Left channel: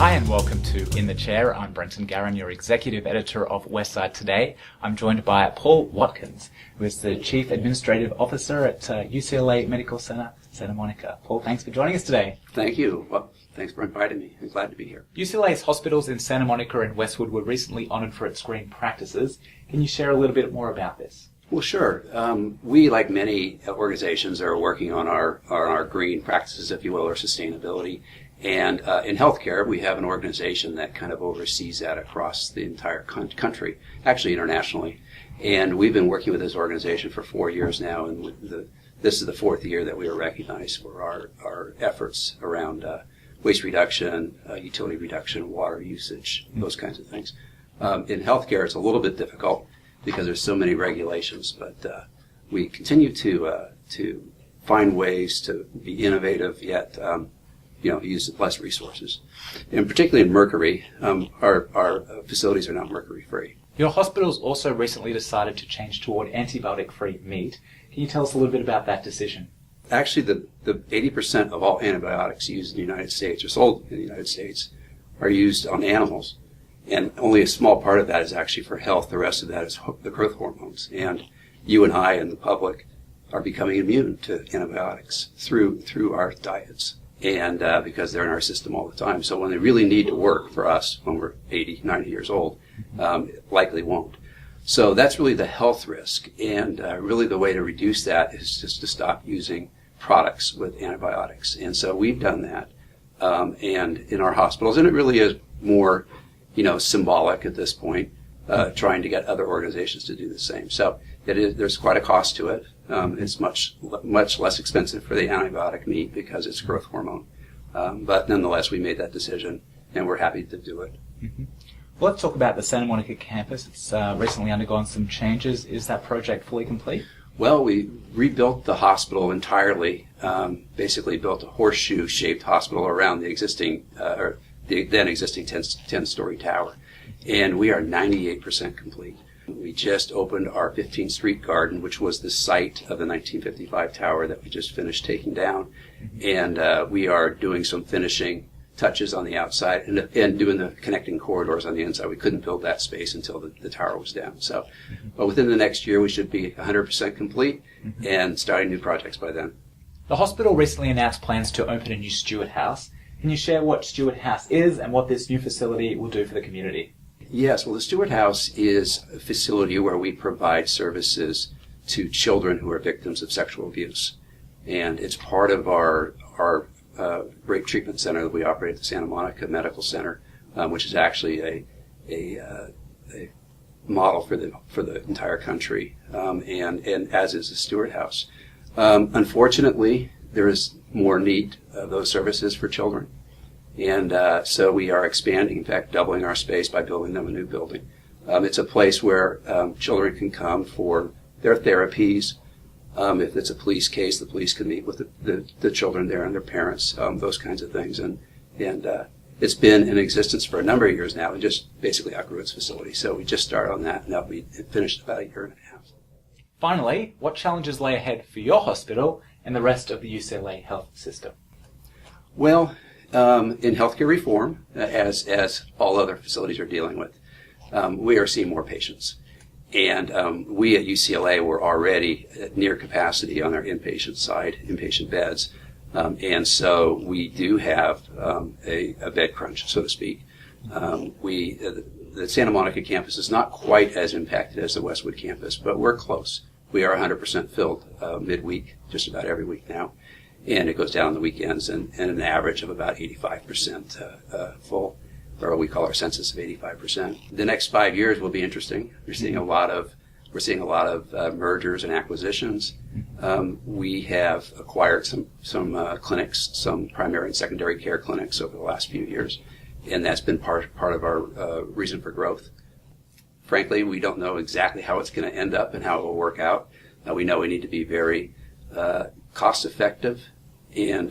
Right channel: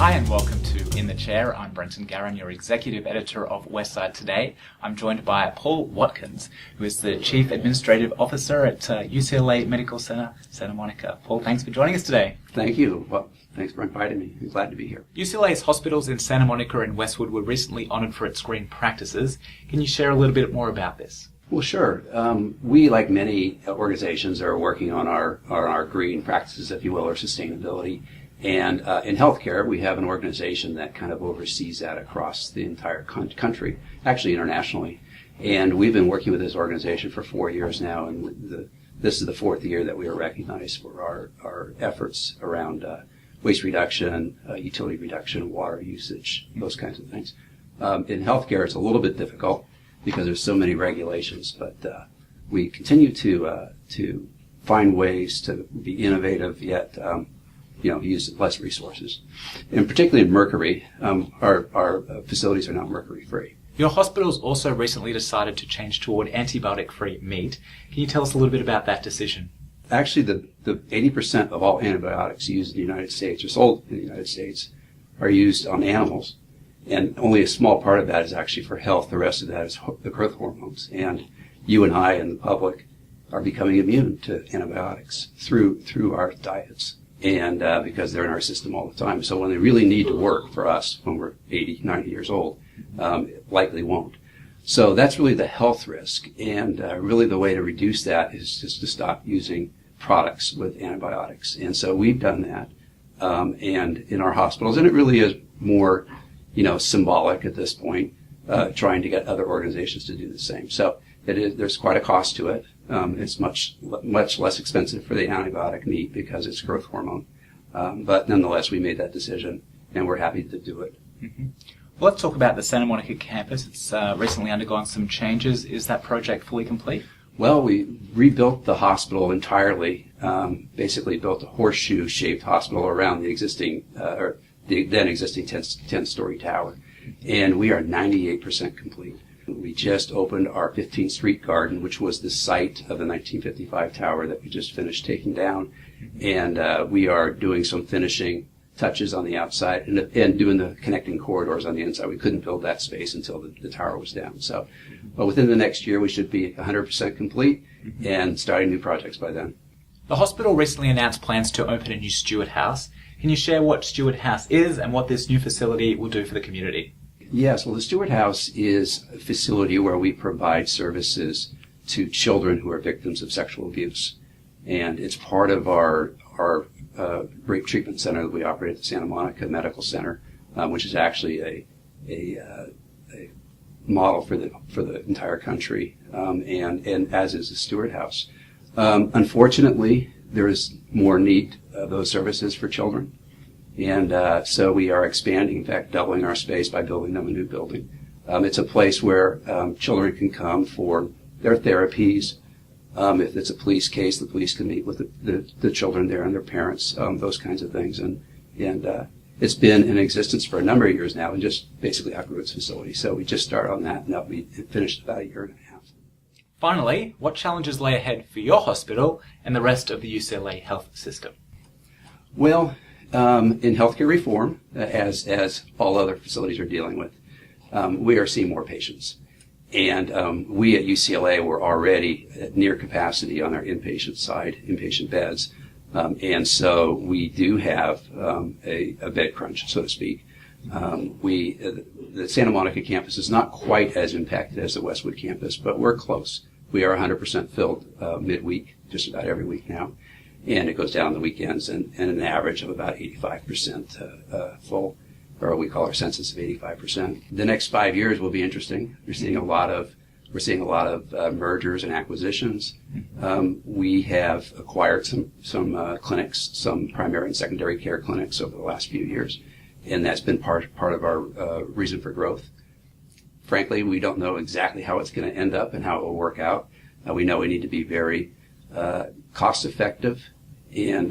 Hi and welcome to In the Chair. I'm Brenton Garen, your Executive Editor of Westside today. I'm joined by Paul Watkins, who is the Chief Administrative Officer at UCLA Medical Center, Santa Monica. Paul, thanks for joining us today. Thank you. Well, thanks for inviting me. I'm glad to be here. UCLA's hospitals in Santa Monica and Westwood were recently honoured for its green practices. Can you share a little bit more about this? Well, sure. We, like many organizations, are working on our green practices, if you will, or sustainability. And in healthcare, we have an organization that kind of oversees that across the entire country, actually internationally. And we've been working with this organization for 4 years now, and this is the fourth year that we are recognized for our efforts around waste reduction, utility reduction, water usage, those kinds of things. In healthcare, it's a little bit difficult because there's so many regulations, but we continue to find ways to be innovative yet use less resources. And particularly in mercury, our facilities are now mercury-free. Your hospitals also recently decided to change toward antibiotic-free meat. Can you tell us a little bit about that decision? Actually, the 80% of all antibiotics used in the United States or sold in the United States are used on animals, and only a small part of that is actually for health. The rest of that is the growth hormones. And you and I and the public are becoming immune to antibiotics through our diets. And because they're in our system all the time. So when they really need to work for us when we're 80, 90 years old, it likely won't. So that's really the health risk. And really the way to reduce that is just to stop using products with antibiotics. And so we've done that and in our hospitals. And it really is more, symbolic at this point, trying to get other organizations to do the same. So there's quite a cost to it. It's much less expensive for the antibiotic meat because it's growth hormone. But nonetheless, we made that decision, and we're happy to do it. Mm-hmm. Well, let's talk about the Santa Monica campus. It's recently undergone some changes. Is that project fully complete? Well, we rebuilt the hospital entirely, basically built a horseshoe-shaped hospital around the existing, the then existing 10-story tower, and we are 98% complete. We just opened our 15th Street garden, which was the site of the 1955 tower that we just finished taking down. Mm-hmm. And we are doing some finishing touches on the outside and doing the connecting corridors on the inside. We couldn't build that space until the tower was down. So, but within the next year, we should be 100% complete and starting new projects by then. The hospital recently announced plans to open a new Stewart House. Can you share what Stewart House is and what this new facility will do for the community? Yes, well, the Stewart House is a facility where we provide services to children who are victims of sexual abuse. And it's part of our rape treatment center that we operate at the Santa Monica Medical Center, which is actually a model for the entire country, and as is the Stewart House. Unfortunately, there is more need of those services for children. And so we are expanding, in fact, doubling our space by building them a new building. It's a place where children can come for their therapies. If it's a police case, the police can meet with the children there and their parents, those kinds of things. And it's been in existence for a number of years now and just basically outgrew its facility. So we just started on that, and that'll be finished about a year and a half. Finally, what challenges lay ahead for your hospital and the rest of the UCLA Health System? Well, in healthcare reform, as all other facilities are dealing with, we are seeing more patients. And we at UCLA were already at near capacity on our inpatient side, inpatient beds. And so we do have a bed crunch, so to speak. The Santa Monica campus is not quite as impacted as the Westwood campus, but we're close. We are 100% filled midweek, just about every week now. And it goes down the weekends and an average of about 85% full, or what we call our census of 85%. The next 5 years will be interesting. We're seeing a lot of mergers and acquisitions. We have acquired some clinics, some primary and secondary care clinics over the last few years, and that's been part of our reason for growth. Frankly, we don't know exactly how it's going to end up and how it will work out. We know we need to be very cost effective and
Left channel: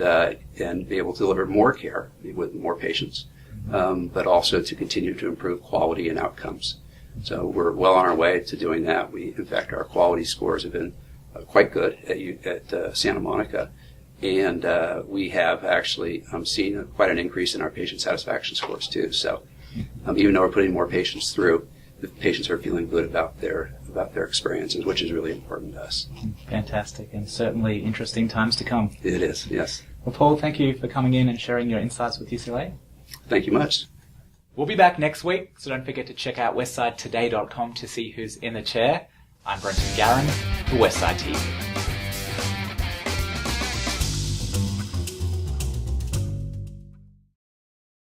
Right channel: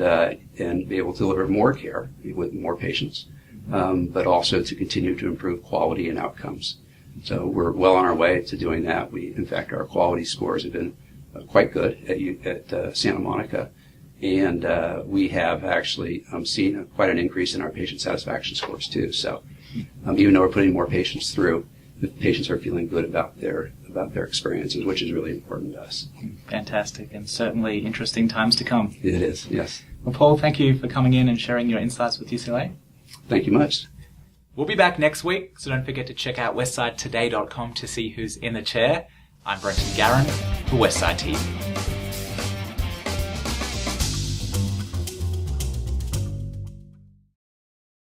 be able to deliver more care with more patients, but also to continue to improve quality and outcomes. So we're well on our way to doing that. In fact, our quality scores have been quite good at Santa Monica, And we have actually seen quite an increase in our patient satisfaction scores too. So even though we're putting more patients through, the patients are feeling good about their experiences, which is really important to us. Fantastic, and certainly interesting times to come. It is, yes. Well, Paul, thank you for coming in and sharing your insights with UCLA. Thank you much. We'll be back next week, so don't forget to check out westsidetoday.com to see who's in the chair. I'm Brenton Garen for Westside TV.